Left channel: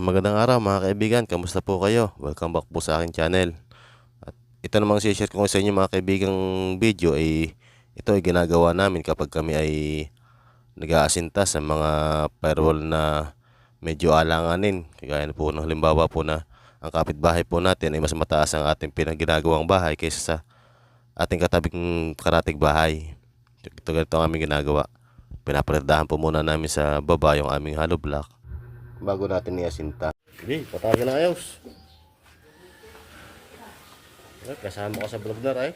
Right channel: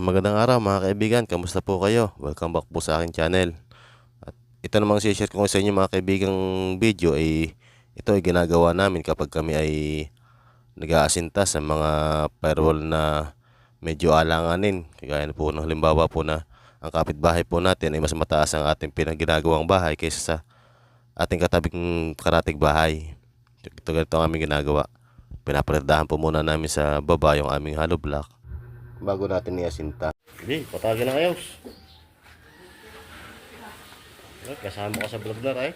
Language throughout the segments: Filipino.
magandang araw mga kaibigan, kamusta po kayo? Welcome back po sa aking channel. At ito namang share ko sa inyo mga kaibigang video ay ito ay ginagawa namin kapag kami ay nag-aasinta sa mga firewall na medyo alanganin. Kagaya po ng halimbawa po na ang kapitbahay po natin ay mas mataas ang ating pinaginagawang bahay kaysa sa ating katabing karatig bahay. Ito ganito ang aming ginagawa. Pinaparadahan po muna namin sa baba yung aming hollow block bago natin iasinta. Hindi, patagal ng ayos. Ay, kasama ka sa vlog na ay.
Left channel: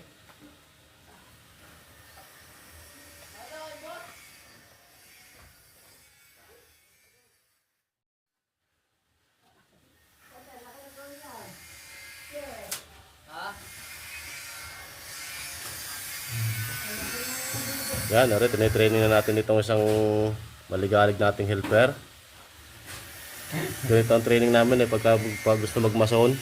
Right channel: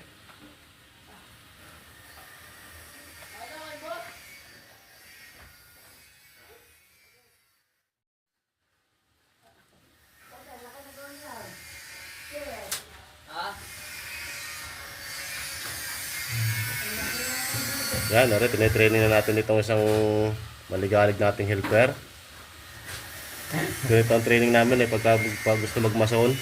Yan, nari, tinitraining na natin itong isang maligalig nating helper. Ganito ang training namin eh, pagka, pag gusto magmason.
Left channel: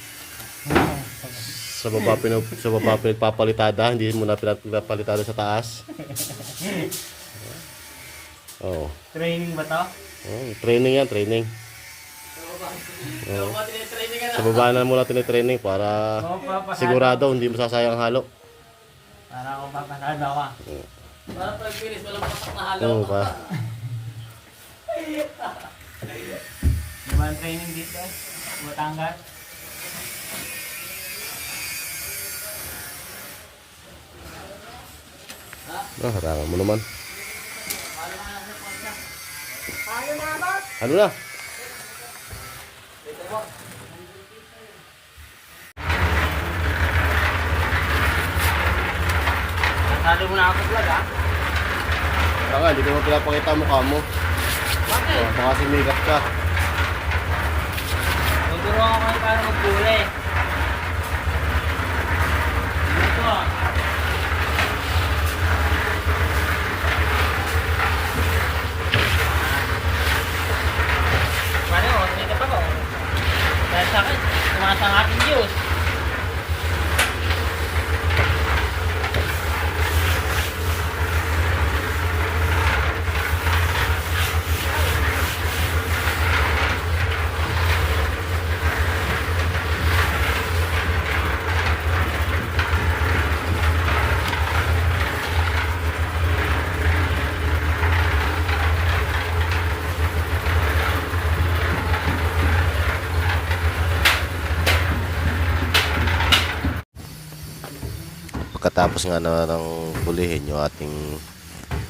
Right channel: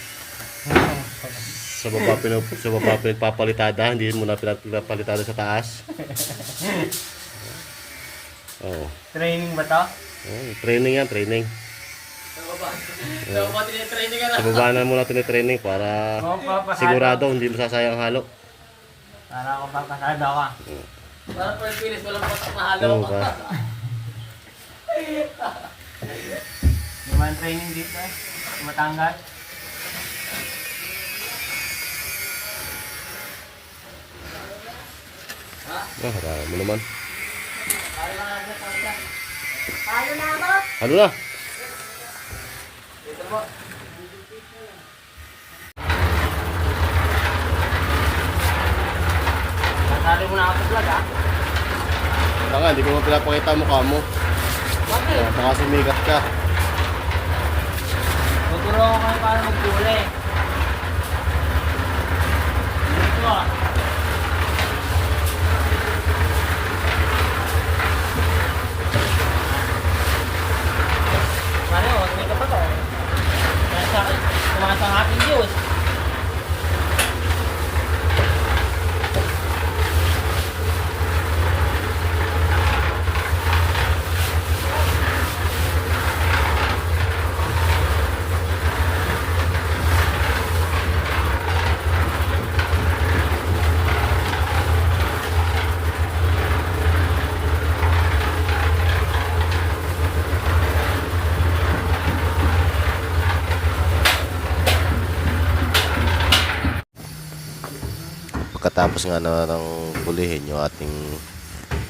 Sa baba, pinu, sa baba pinagpapalitada, hindi mo na pinagpapalitada sa taas. Oo. Oh. Training ba to? Oh, training yan, training. Ito ba training ka na? Sa baba na muna tinitraining para sigurado hindi masasayang halo. Para ako papasado ka. Para first finish, walang pasok na halo. Oo, pa. Ang training dito eh? Matanggap? Ah, harama mo naman. Halo na. Dito po. Halo mo na ako vlog ah. Kaya nga, hindi ko mo pinapakita mukha mo. Bakit? Baka sumikap ka. Tuturo ako kung paano magkulay. Pagkatapos nga na ng bulihin yung ating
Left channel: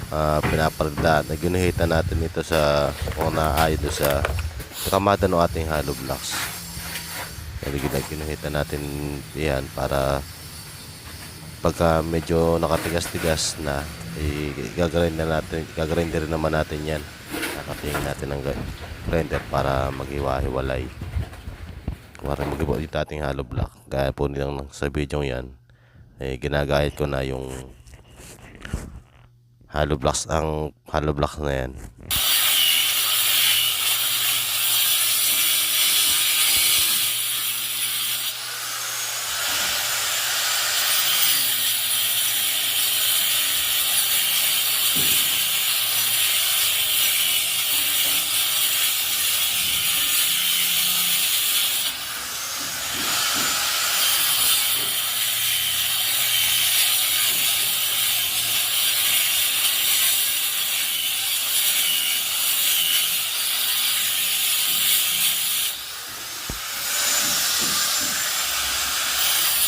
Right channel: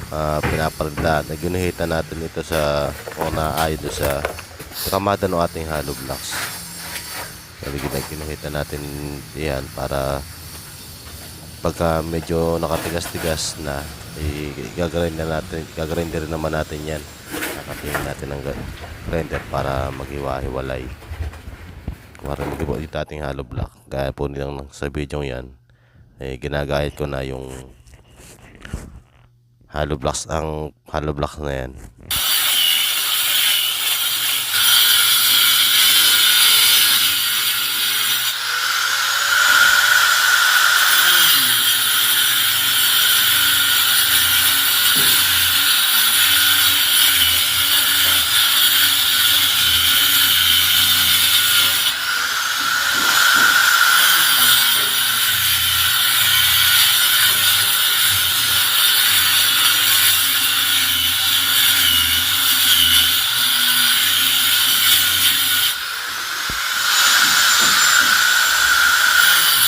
uh, pinapalagdaan, naginuhitan natin ito sa naayon doon sa kamada ng ating hollow blocks. Sabi ginuhitan natin yan para pagka medyo nakatigas-tigas na igagrind na natin igagrinder naman natin yan. Nakatingin natin ng grinder para maghiwa-hiwalay. Para maghiwa yung ating hollow block gaya po nilang sa video yan eh, ginagayat ko na yung hollow blocks ang hollow blocks na yan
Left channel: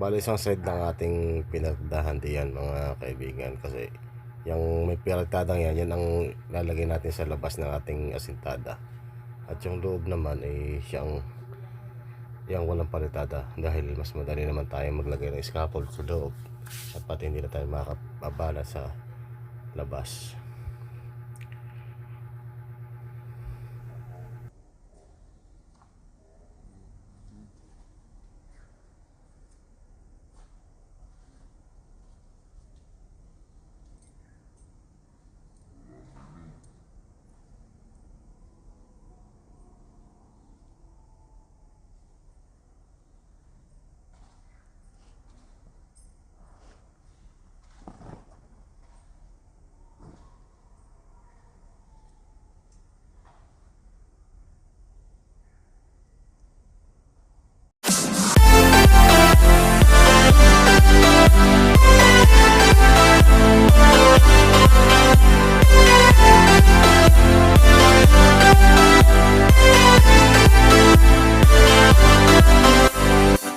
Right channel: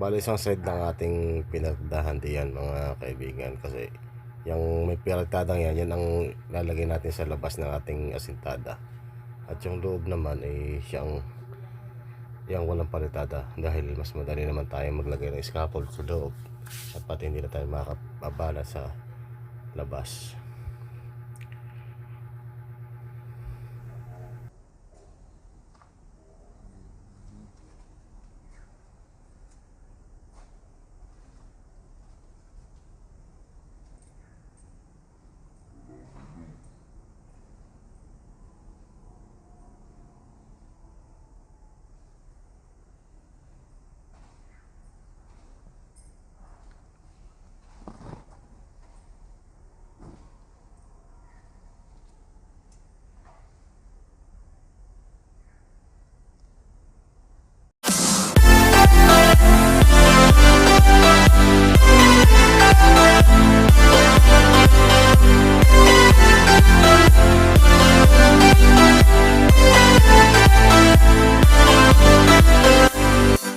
Bali isang side ng ating pinagdahan diyan mga kaibigan kasi yung may piratadang yan, yan ang lalagay natin sa labas ng ating asintada. At yung loob naman ay siyang yung walang palitada dahil mas madali naman tayo maglagay ng scaffold sa loob at pati hindi na tayo makakabala sa labas.